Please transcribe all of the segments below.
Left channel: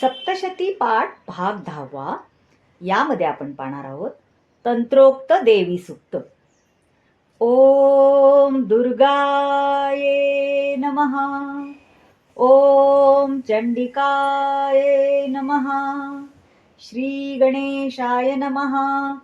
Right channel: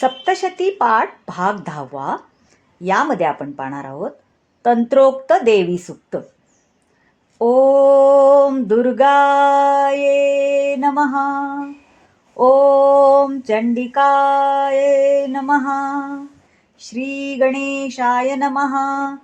सप्तशती पाठ भाग दहावा. यामध्ये आपण पाहणार आहोत तंत्रोक्त देवी सुक्त. ओम दुर्गाये नमः. ओम चंडिकाये नमः. श्री गणेशाय नमः.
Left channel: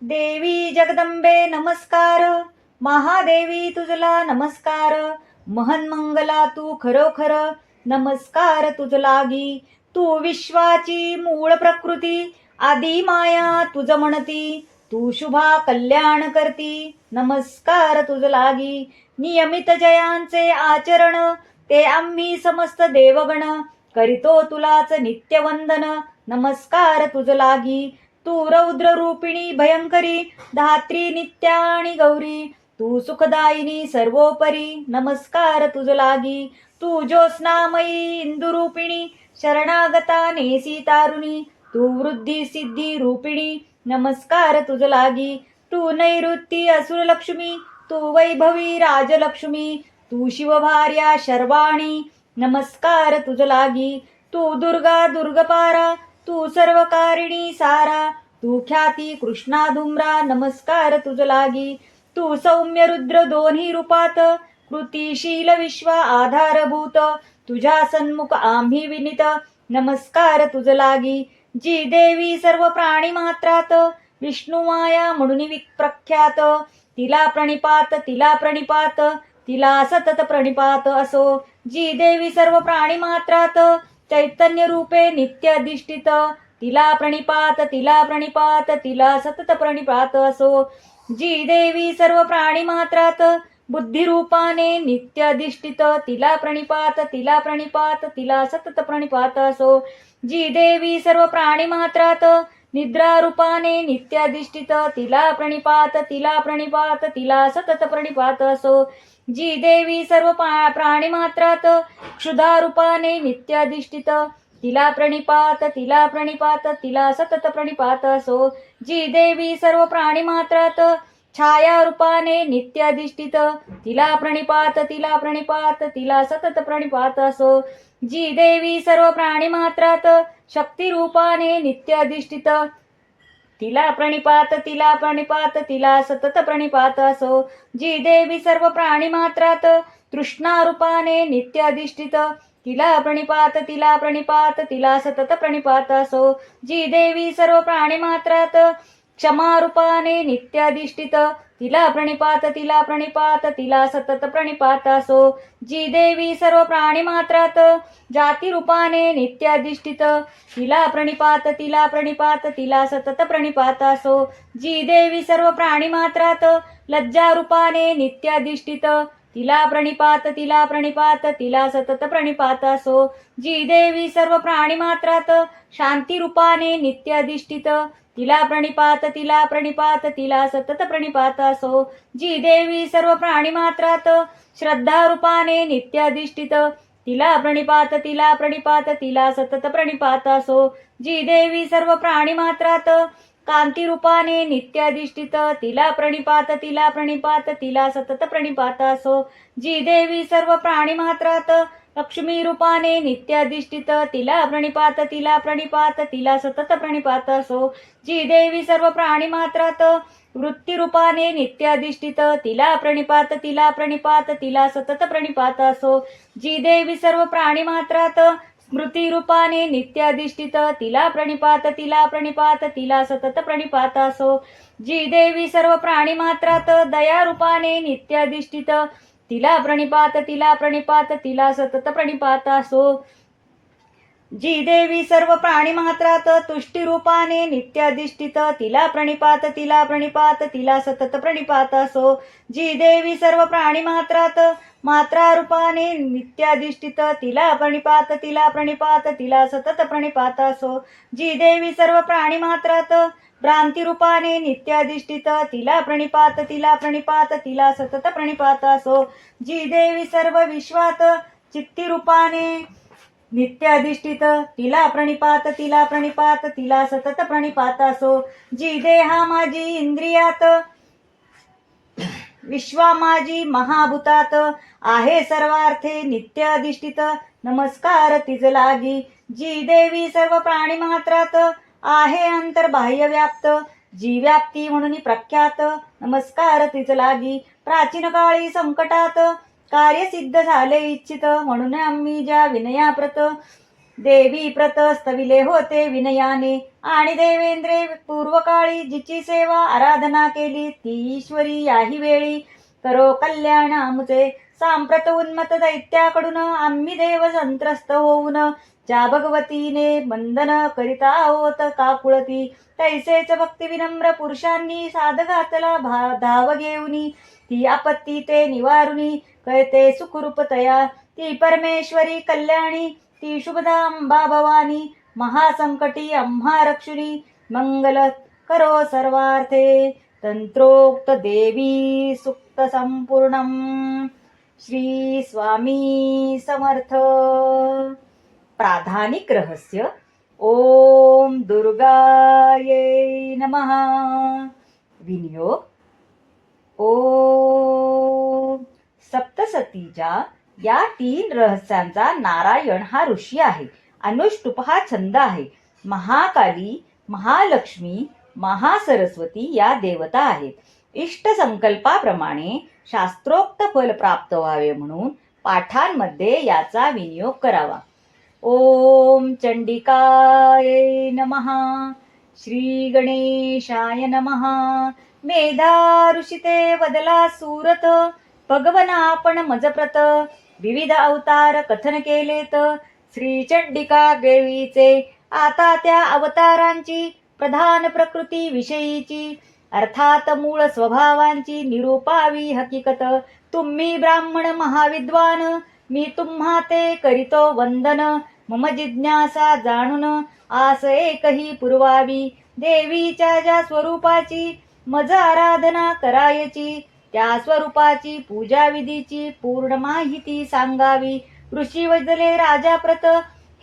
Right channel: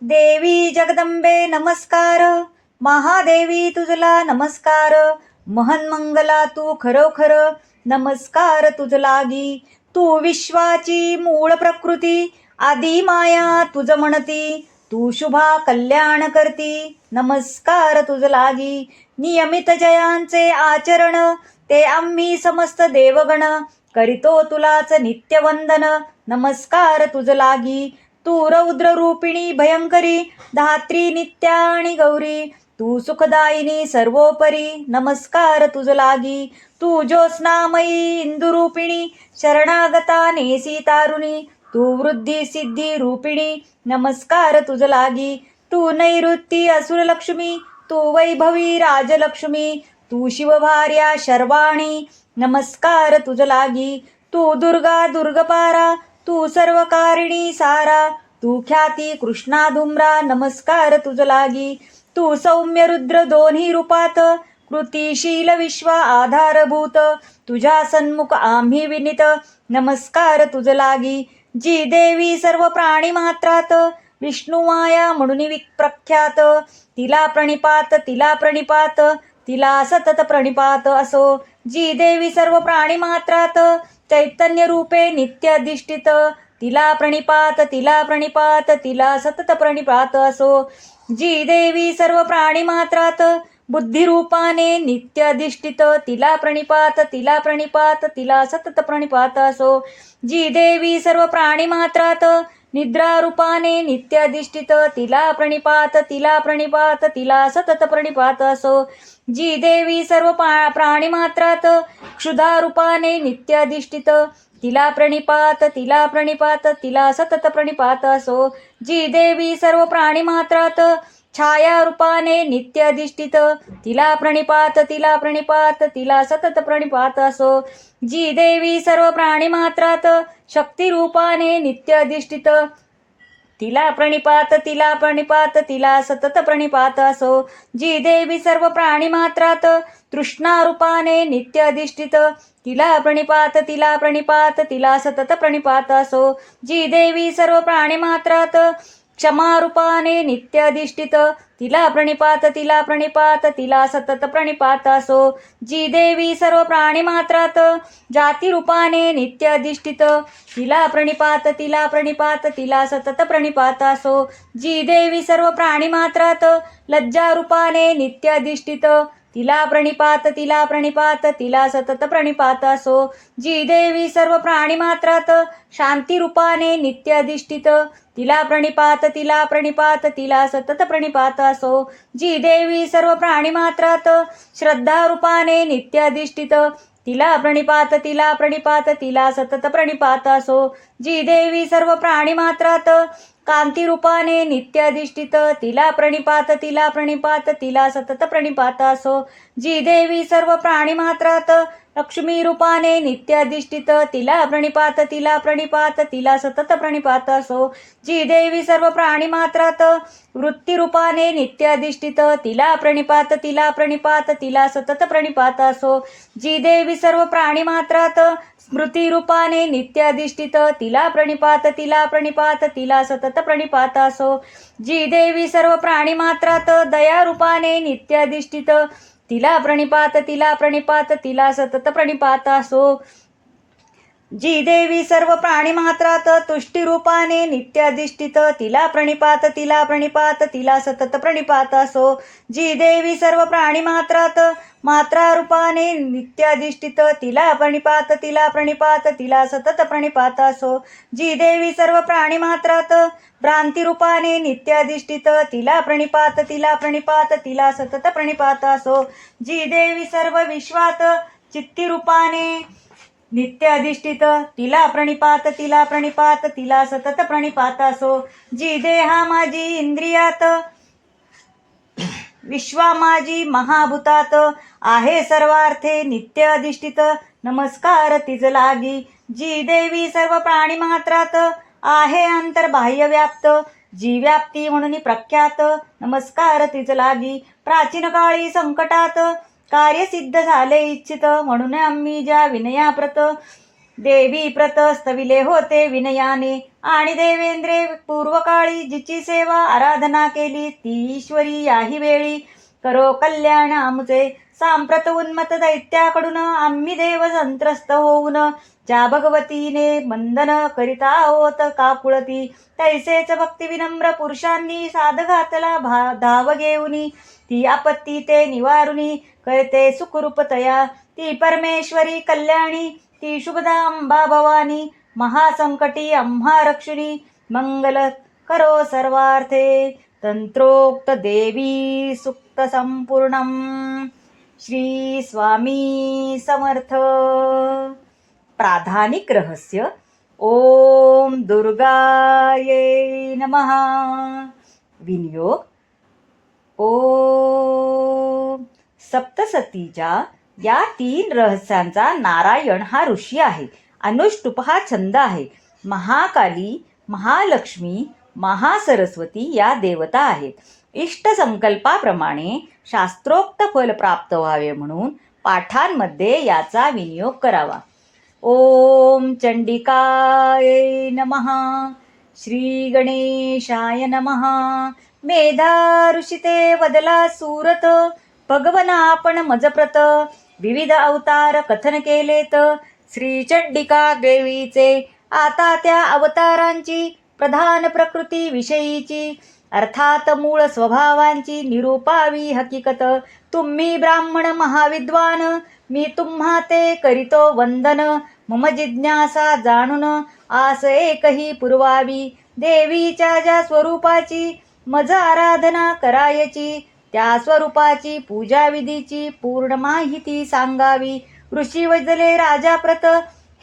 देवी जगदंबे नमस्कार. महादेवी तुझला नमस्कार. महन्मंगला तू खरोखर. नमस्कार तुझ लागी तू विश्वाची मूळ प्रकृती आदी माया तुझ म्हणती. तू शुभा कल्याण करती नमस्कार तुझ लागी. नियमित जयांचे आचरण ते आम्ही समस्त देवगण. करीतो तुलाच नित्यवंदन नमस्कार तुझ लागी. तू रौद्र रूपिणी भयंकरी धात्री नित्या आणि गौरी. तू सुखदायिनी सर्वोपरी नमस्कार तुझ लागी. तू ज्योत्स्नामयी इंदुरूपिणी शरणागता नेसी तारुणी तू वृद्धी सिद्धी रूपिणी नमस्कार तुझ लागी तू नैऋत्ती असुरलक्ष्मी तू वैभवी राजलक्ष्मी तू शिवभार्या शर्वाणी नमस्कार तुझ लागी तू दुर्गा दुर्गपारा तू सर्वकारिणी सारा तू ख्याती कृष्णा धुम्रा नमस्कार तुझ लागी तू सौम्य रुद्र दोन्ही रूपात कृतीशील विश्व आधारभूत तुझ्या सन्मुख आम्ही विनित. नमस्कार तुझ लागी जी देवी सर्व प्राणी मात्रात. विष्णुमाया म्हणून प्रख्यात तिला प्रणिपात तिला प्रणिपात तिला सतत प्रणिपात असो. जी देवी सर्व प्राणी मात्रात चैतन्य रूपे नित्य अधिष्ठित. तिला प्रणिपात तिला प्रणिपात तिला सतत प्रणिपात असो. जी देवी सर्व प्राणी मात्रात बुद्धिरूपाने नित्याधिष्ठित तिला प्रणिपात तिला प्रणिपात तिला सतत प्रणिपात असो. जी देवी सर्व प्राणी मात्रात निद्रारूपाने नित्याधिष्ठित तिला प्रणिपात तिला प्रणिपात तिला सतत प्रणिपात असो. जी देवी सर्व प्राणी मात्रात क्षुधारूपाने नित्याधिष्ठित तिला प्रणिपात तिला प्रणिपात तिला सतत प्रणिपात असो. जी देवी सर्व प्राणी मात्रात छाया रूपाने नित्य अधिष्ठित तिला प्रणिपात तिला प्रणिपात तिला सतत प्रणिपात असो। जी देवी सर्व प्राणी मात्रात शक्ती रूपाने नित्य अधिष्ठित तिला प्रणिपात तिला प्रणिपात तिला सतत प्रणिपात असो। जी देवी सर्व प्राणी मात्रात तृष्णा रूपाने नित्य अधिष्ठित तिला प्रणिपात तिला प्रणिपात तिला सतत प्रणिपात असो। जी देवी सर्व प्राणी मात्रात क्षमारूपाने नित्याधिष्ठित. तिला प्रणिपात तिला प्रणिपात तिला सतत प्रणिपात असो. जी देवी सर्व प्राणी मात्रात जाती रूपाने तिला प्रणिपात तिला प्रणिपात तिला सतत प्रणिपात असो. जी देवी सर्व प्राणी मात्रात लज्जा रूपाने तिला प्रणिपात तिला प्रणिपात तिला सतत प्रणिपात असो. जी देवी सर्व प्राणी मात्रात शांती रूपाने नित्य अधिष्ठित. तिला प्रणिपात तिला प्रणिपात तिला सतत प्रणिपात असो. जी देवी सर्व प्राणी मात्रात श्रद्धा रूपाने नित्य अधिष्ठित. तिला प्रणिपात तिला प्रणिपात तिला सतत प्रणिपात असो. जी देवी सर्व प्राणी मात्रात कांती रूपाने नित्य अधिष्ठित तिला प्रणिपात तिला प्रणिपात तिला सतत प्रणिपात असो. जी देवी सर्व प्राणी मात्रात लक्ष्मी रूपाने नित्याधिष्ठित तिला प्रणिपात तिला प्रणिपात तिला सतत प्रणिपात. असो जी देवी सर्व प्राणी मात्रात वृत्ती रूपाने तिला प्रणिपात तिला प्रणिपात तिला सतत प्रणिपात. असो जी देवी सर्व प्राणी मात्रात स्मृती रूपाने तिला प्रणिपात तिला प्रणिपात तिला सतत प्रणिपात. असो जी देवी सर्व प्राणी मात्रात दया रूपाने नित्याधिष्ठित तिला प्रणिपात तिला प्रणिपात तिला सतत प्रणिपात असो. जी देवी सर्व प्राणी मात्रात तुष्टी रूपाने तिला प्रणिपात तिला प्रणिपात तिला सतत प्रणिपात असो. जी देवी सर्व प्राणी मात्रात मात्रा रूपाने तिला प्रणिपात तिला प्रणिपात तिला सतत प्रणिपात असो. जी देवी सर्व प्राणी मात्रात भ्रांती रूपाने तिला प्रणिपात तिला प्रणिपात तिला सतत प्रणिपात असो. जी देवी सर्व विश्वात चित्ती रूपाने नित्य अधिष्ठित तिला प्रणिपात तिला प्रणिपात तिला सतत प्रणिपात असो. जी देहा माझी इंद्रियात विश्वा माझी महाभूतात आहे सर्वार्थे नित्य अधिष्ठित नमस्कार तिज लागी जी देवी सर्व प्राणी मात्रात आहे अंतर्बाह्य व्याप्त. जी व्याप्ती म्हणून प्रख्यात नमस्कार तिज लागी प्राचीन काळी संकटात कार्य सिद्ध झाले इच्छित. म्हणून आम्ही ज्या विनयाप्रत देवी प्रत स्तविले होते विनयाने. आणि देवेंद्रे पूर्वकाळी जिची सेवा आराधना केली ती ईश्वरी याही वेळी. करो कल्याण आमचे. सांप्रत उन्मत दैत्याकडून आम्ही देव संत्रस्त होऊन ज्या भगवतीने बंधन करिता होत काकुळती तैसेच भक्ती विनम्र पुरुषांनी साधघातला भा धाव घेऊनी. ती आपत्ती ते निवारुनी. कळते सुखरूपतया. ती परमेश्वरी कल्याणी ती शुभदा अंबा भवानी महासंकटी आम्हा रक्षिणी मंगल करो सर्वार्थे. तंत्रोक्त देवी सुक्त संपूर्ण श्री स्वामी समर्थ. प्राधानिक रहस्य ओम दुर्गाये नमः. विनियोग ओम सप्तसतीच्या या तीन रहस्यांचा नारायण हा ऋषी आहे. अनुष्टुप हा छंद आहे. महाकाली महालक्ष्मी महासरस्वती या देवता आहेत. इष्ट संकल्पाप्रमाणे शास्त्रोक्त फल प्राप्त व्हावे म्हणून पाठांमध्ये याचा विनियोग करावा. ओम चंडिकाय नमः. श्री गणेशाय नमहा मेधा ऋषिते वदला सूरत. भगवना आपण मजप्रत. विविध अवतार कथन केलेत. श्री चंडिका देवीचे. आता त्या अवतारांची प्रधान प्रकृती विषयीची. अर्थात मूळ स्वभावांची निरूपावी हकीकत. तुम्ही ब्राह्मण महाविद्वान. मी तुम्हा ते करीतो वंदन. मम जिज्ञासा जाणून आस एकही पुरवावी. देवीच्या ज्या स्वरूपाची मज आराधना करायची. त्या स्वरूपाची पूजा विधीची पूर्ण माहिती सांगावी. ऋषी वजले राजाप्रत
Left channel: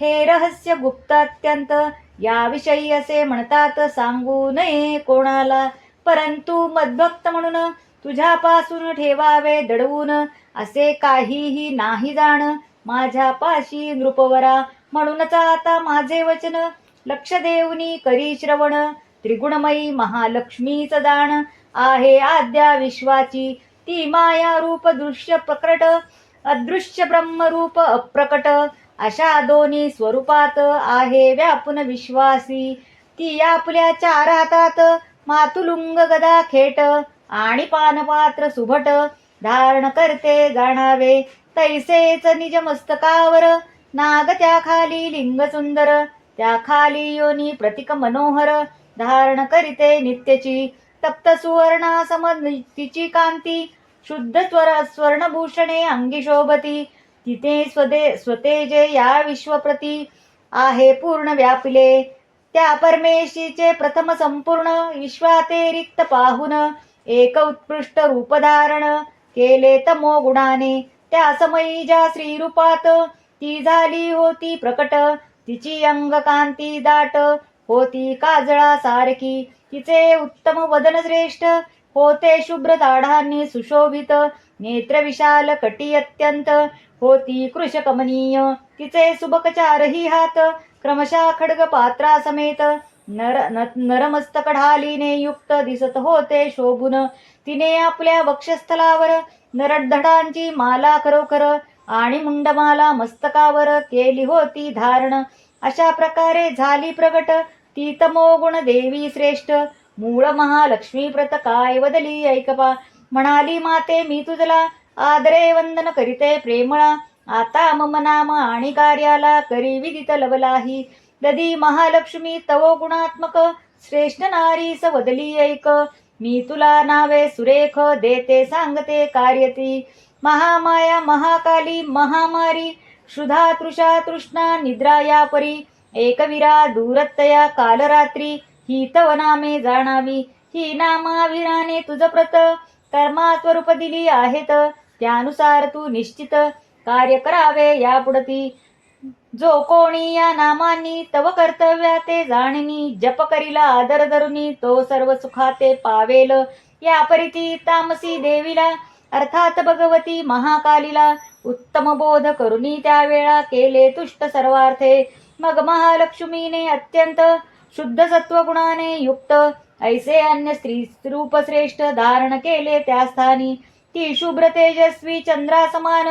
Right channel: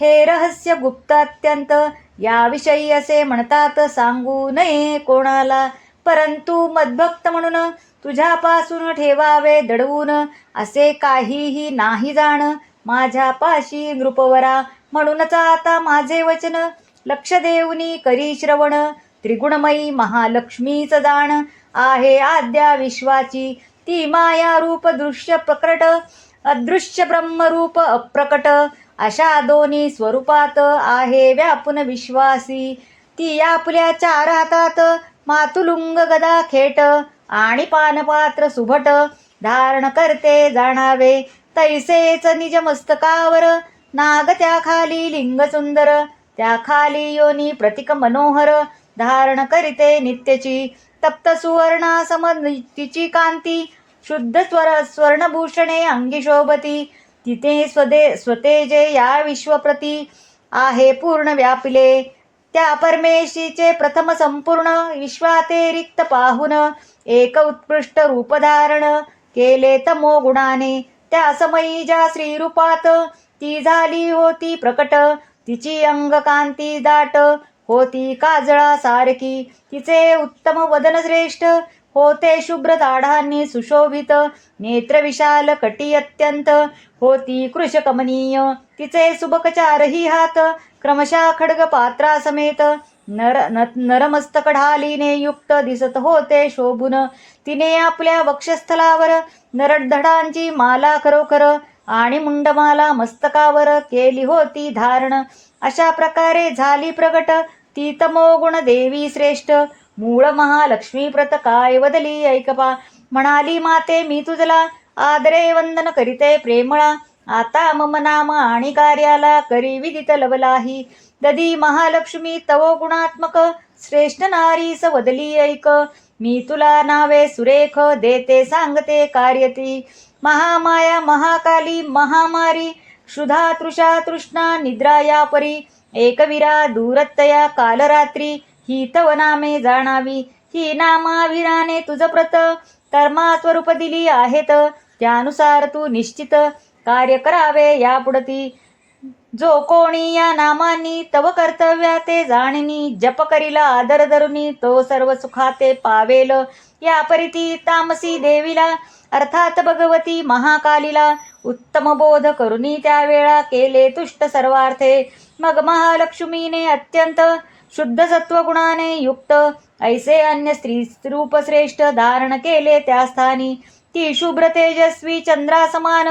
हे रहस्य गुप्त अत्यंत. याविषयी असे म्हणतात सांगू नये कोणाला. परंतु मद्भक्त म्हणून तुझ्यापासून ठेवावे दडवून. असे काहीही नाही जाण. माझ्या पाशी नृपवरा. म्हणूनच आता माझे वचन. लक्ष देऊनी करी श्रवण. त्रिगुणमयी महालक्ष्मीच जाण. आहे आद्या विश्वाची. ती माया रूप दृश्य प्रकट अदृश्य ब्रह्मरूप अप्रकट अशा दोन्ही स्वरूपात आहे व्यापून विश्वासी. ती आपल्या चार हातात मातुलुंग गदा खेट आणि पानपात्र सुभट. धारण करते जाणावे तैसेच निज मस्तकावर. नाग त्या खाली लिंग सुंदर त्या खाली योनी प्रतिक मनोहर. धारण करीते नित्यची. तप्त सुवर्ण सम तिची कांती शुद्ध स्वर स्वर्णभूषणे अंगी शोभती. तिथे स्वदे स्वतेजे या विश्वप्रती आहे पूर्ण व्यापिले. त्या परमेशीचे प्रथम संपूर्ण विश्वाते रिक्त पाहुन एक उत्कृष्ट रूप धारण केले तमो गुणाने. त्या समयी ज्या श्रीरूपात ती झाली होती प्रकट तिची अंगकांती दाट होती काजळा सारखी तिचे उत्तम वदन श्रेष्ठ होते शुभ्र ताढांनी सुशोभित. नेत्र विशाल कटी अत्यंत होती कृशकमनीय तिचे सुबकचारही हात क्रमशः खडग पात्रा समेत नर न- नरमस्तक ढालीने युक्त दिसत होते शोभून. तिने आपल्या वक्षस्थलावर नरडधडांची माला खरोखर आणि मुंडमाला मस्तकावर केली होती धारण. अशा प्रकारे झाली प्रगट ती तमोगुण देवी श्रेष्ठ. मूळ महालक्ष्मी प्रत काय वदली ऐकपा. म्हणाली माते मी तुझला आदरे वंदन करीते प्रेमळा. आता मम नाम आणि कार्याला करी विदित लवलाही. ददी महालक्ष्मी तव गुणात्मक. श्रेष्ठ नारीस वदली ऐक. मी तुला नावे सुरेख देते सांगते कार्यती. महामाया महाकाली महामारी. क्षुधा तृषा तृष्णा निद्रा या परी एकवीरा दूरतया कालरात्री ही तव नामे जाणावी ही नामाविराने तुझ प्रत कर्मा स्वरूप दिली आहेत त्यानुसार तू निश्चित कार्य करावे यापुढती जो कोणी या नामांनी तव कर्तव्या ते जाणनी जप करीला आदर धरुनी तो सर्व सुखाते पावेल. या परिती तामसी देवीला अर्थात भगवती महाकालीला उत्तम बोध करुनी त्यावेळा केले तुष्ट सर्वार्थे. मग महालक्ष्मीने अत्यंत शुद्ध सत्वगुणाने युक्त ऐसे अन्य स्त्री रूप श्रेष्ठ धारण केले त्या स्थानी. ती शुभ्र तेजस्वी चंद्रा समान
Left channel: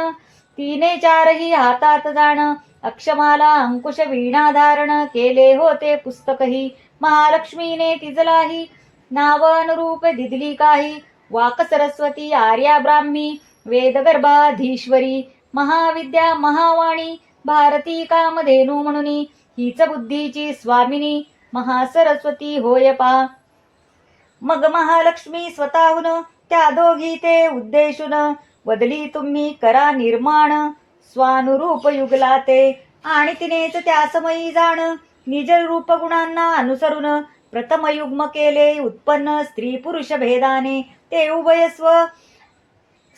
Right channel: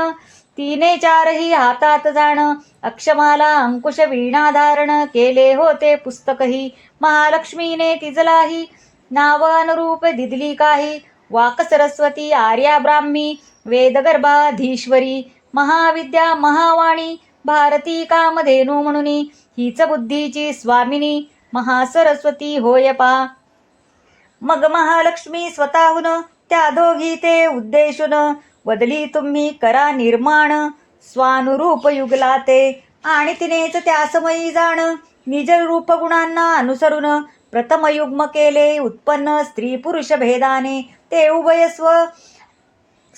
तिने चारही हातात जाण. अक्षमाला अंकुश वीणा धारण केले होते पुस्तकही. महालक्ष्मीने तिजलाही. नाव अनुरूप दिदली काही. वाक सरस्वती आर्या ब्राह्मी वेदगर्भाधीश्वरी. महाविद्या महावाणी. भारती कामधेनू म्हणून. हीच बुद्धीची स्वामिनी. महासरस्वती होय पा. मग महालक्ष्मी स्वतःहून त्या दोघी ते उद्देशून बदली तुम्ही करा निर्माण. स्वानुरूप युगला ते. आणि तिनेच त्यासमयी जाण. निज रूप गुणांना अनुसरून प्रथम युग्म केले उत्पन्न स्त्री पुरुष भेदाने. ते उभय स्व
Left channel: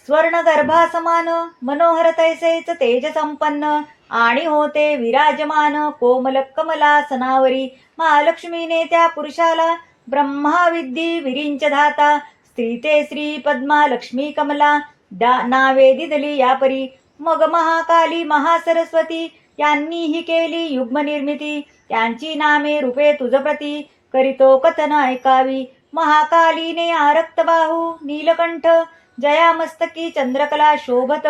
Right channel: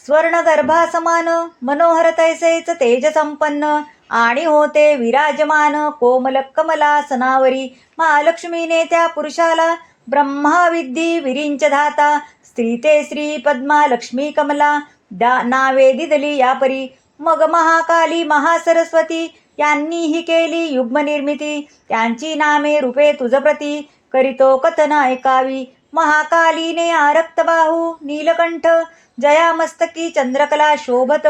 स्वर्ण गर्भासमान मनोहर तैसेच तेज संपन्न आणि होते विराजमान कोमल कमला सनावरी. महालक्ष्मीने त्या पुरुषाला ब्रह्माविद्धी विरिंच धाता स्त्री ते श्री पद्मा लक्ष्मी कमला. दा नावे दिदली यापरी. मग महाकाली महासरस्वती यांनीही केली युग्मनिर्मिती. त्यांची नामे रूपे तुझ प्रती करीतो कथन ऐकावी. महाकालीने आरक्तबाहू नीलकंठ. जया मस्तकी चंद्रकला शोभत.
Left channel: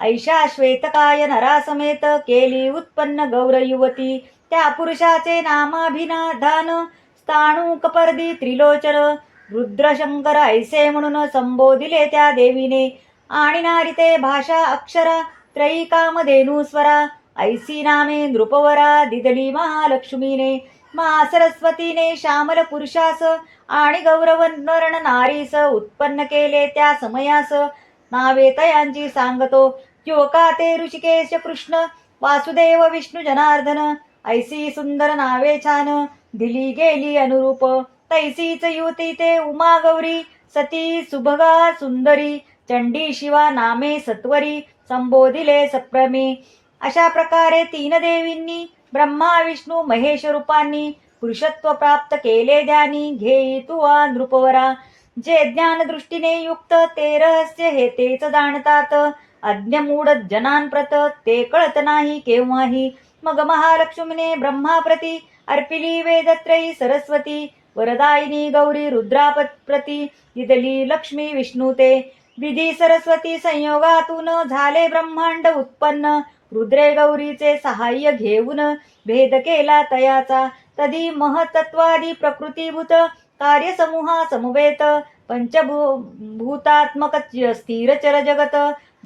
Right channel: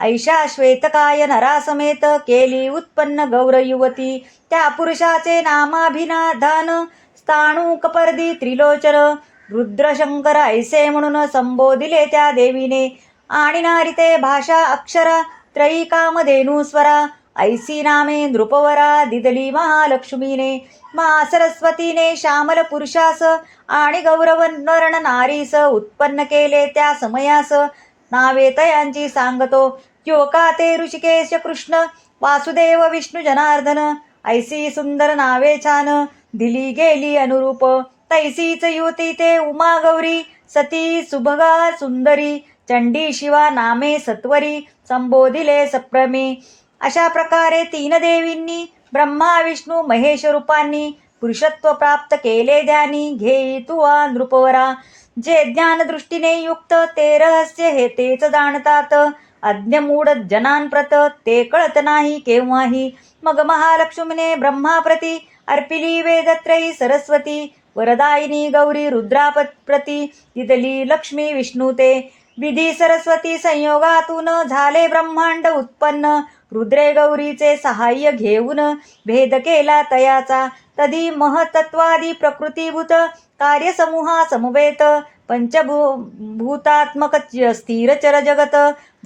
ऐशा श्वेतकाय नरासमेत केली उत्पन्न गौर युवती. त्या पुरुषाचे नामाभिनाधान. स्थाणू कपर्दी त्रिलोचन. रुद्रशंकर ऐसे म्हणून संबोधिले त्या देवीने. आणि नारिते भाषा अक्षरा त्रयिकामधेनूस्वरा ऐसी नामे नृपवरा दिदली महालक्ष्मीने मा सरस्वतीने श्यामल पुरुषास आणि गौरवर्ण नारीस उत्पन्न केले त्या समयास. नावे तयांची सांगतो योका ते ऋषिकेश कृष्ण? वासुदेव विष्णू जनार्दन ऐसी सुंदर नावे छान दिली गेली अनुरूप. तैसीच युती ते उमा गौरी सती सुभगा सुंदरी चंडी शिवा नामे सत्वरी संबोधिले सप्रमी. अशा प्रकारे तीन देवींनी ब्रह्मा विष्णू महेश रूपांनी पुरुषत्व प्राप्त केले ध्यानी घेई तुवा नृपवरा. जे ज्ञान दृष्टीने युक्त ते रहस्य हे तेच जाणतात. अज्ञमूढ जनांप्रत ते कळत नाही केव्हाही. मग महालक्ष्मीने ब्रह्माप्रती अर्पिली वेदत्रयी सरस्वती वरदायिनी गौरी रुद्राप्रती इदली लक्ष्मी विष्णू ते. विधी सरस्वती संयोगातून झाले ब्रह्मांड उत्पन्न. रुद्रे गौरीचे सहाय्य घेऊन भेद केला तयाचा. तदी महतत्वादी प्रकृतीभूत कार्यसमूहा समवेत पंचभू भूतात्मक च- स्थिरचर जगत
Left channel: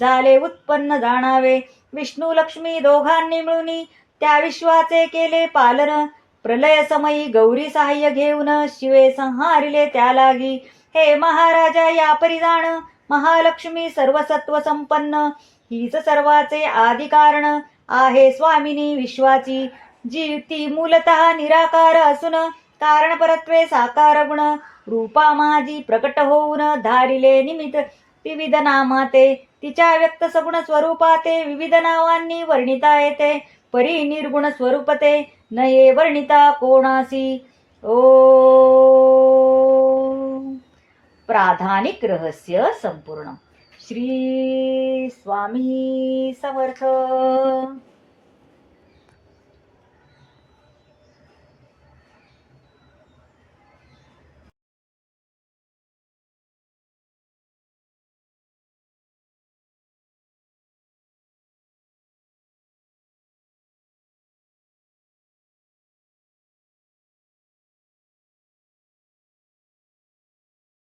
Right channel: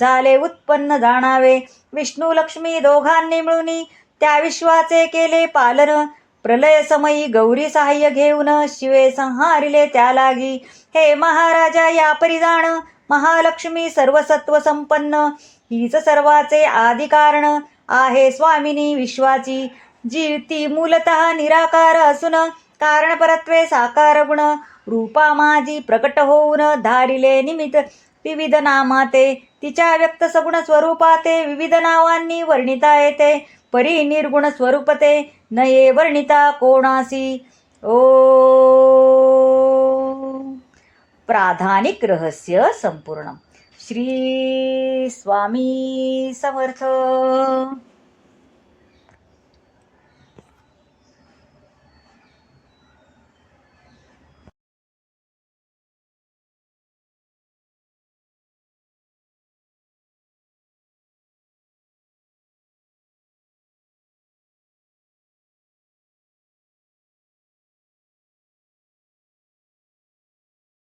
झाले उत्पन्न जाणावे. विष्णू लक्ष्मी दोघांनी मिळून त्या विश्वाचे केले पालन. प्रलय समयी गौरी सहाय्य घेऊन शिवे संहारिले त्या लागी. हे महाराजा या परिजाण महालक्ष्मी सर्वसत्व संपन्न हीच सर्वाचे आदी कारण आहे स्वामिनी विश्वाची. जी ती मूलत निराकार असून कारण परत्वे साकार गुण. रूपा माझी प्रकट होऊन धारिले निमित्त विविध नामाते. तिच्या व्यक्त सगुण स्वरूपाते विविध नावांनी वर्णिता येते. परी निर्गुण स्वरूपते नये वर्णिता कोणासी. ओ प्राधानिक रहस्य संपूर्ण. श्री स्वामी समर्थ.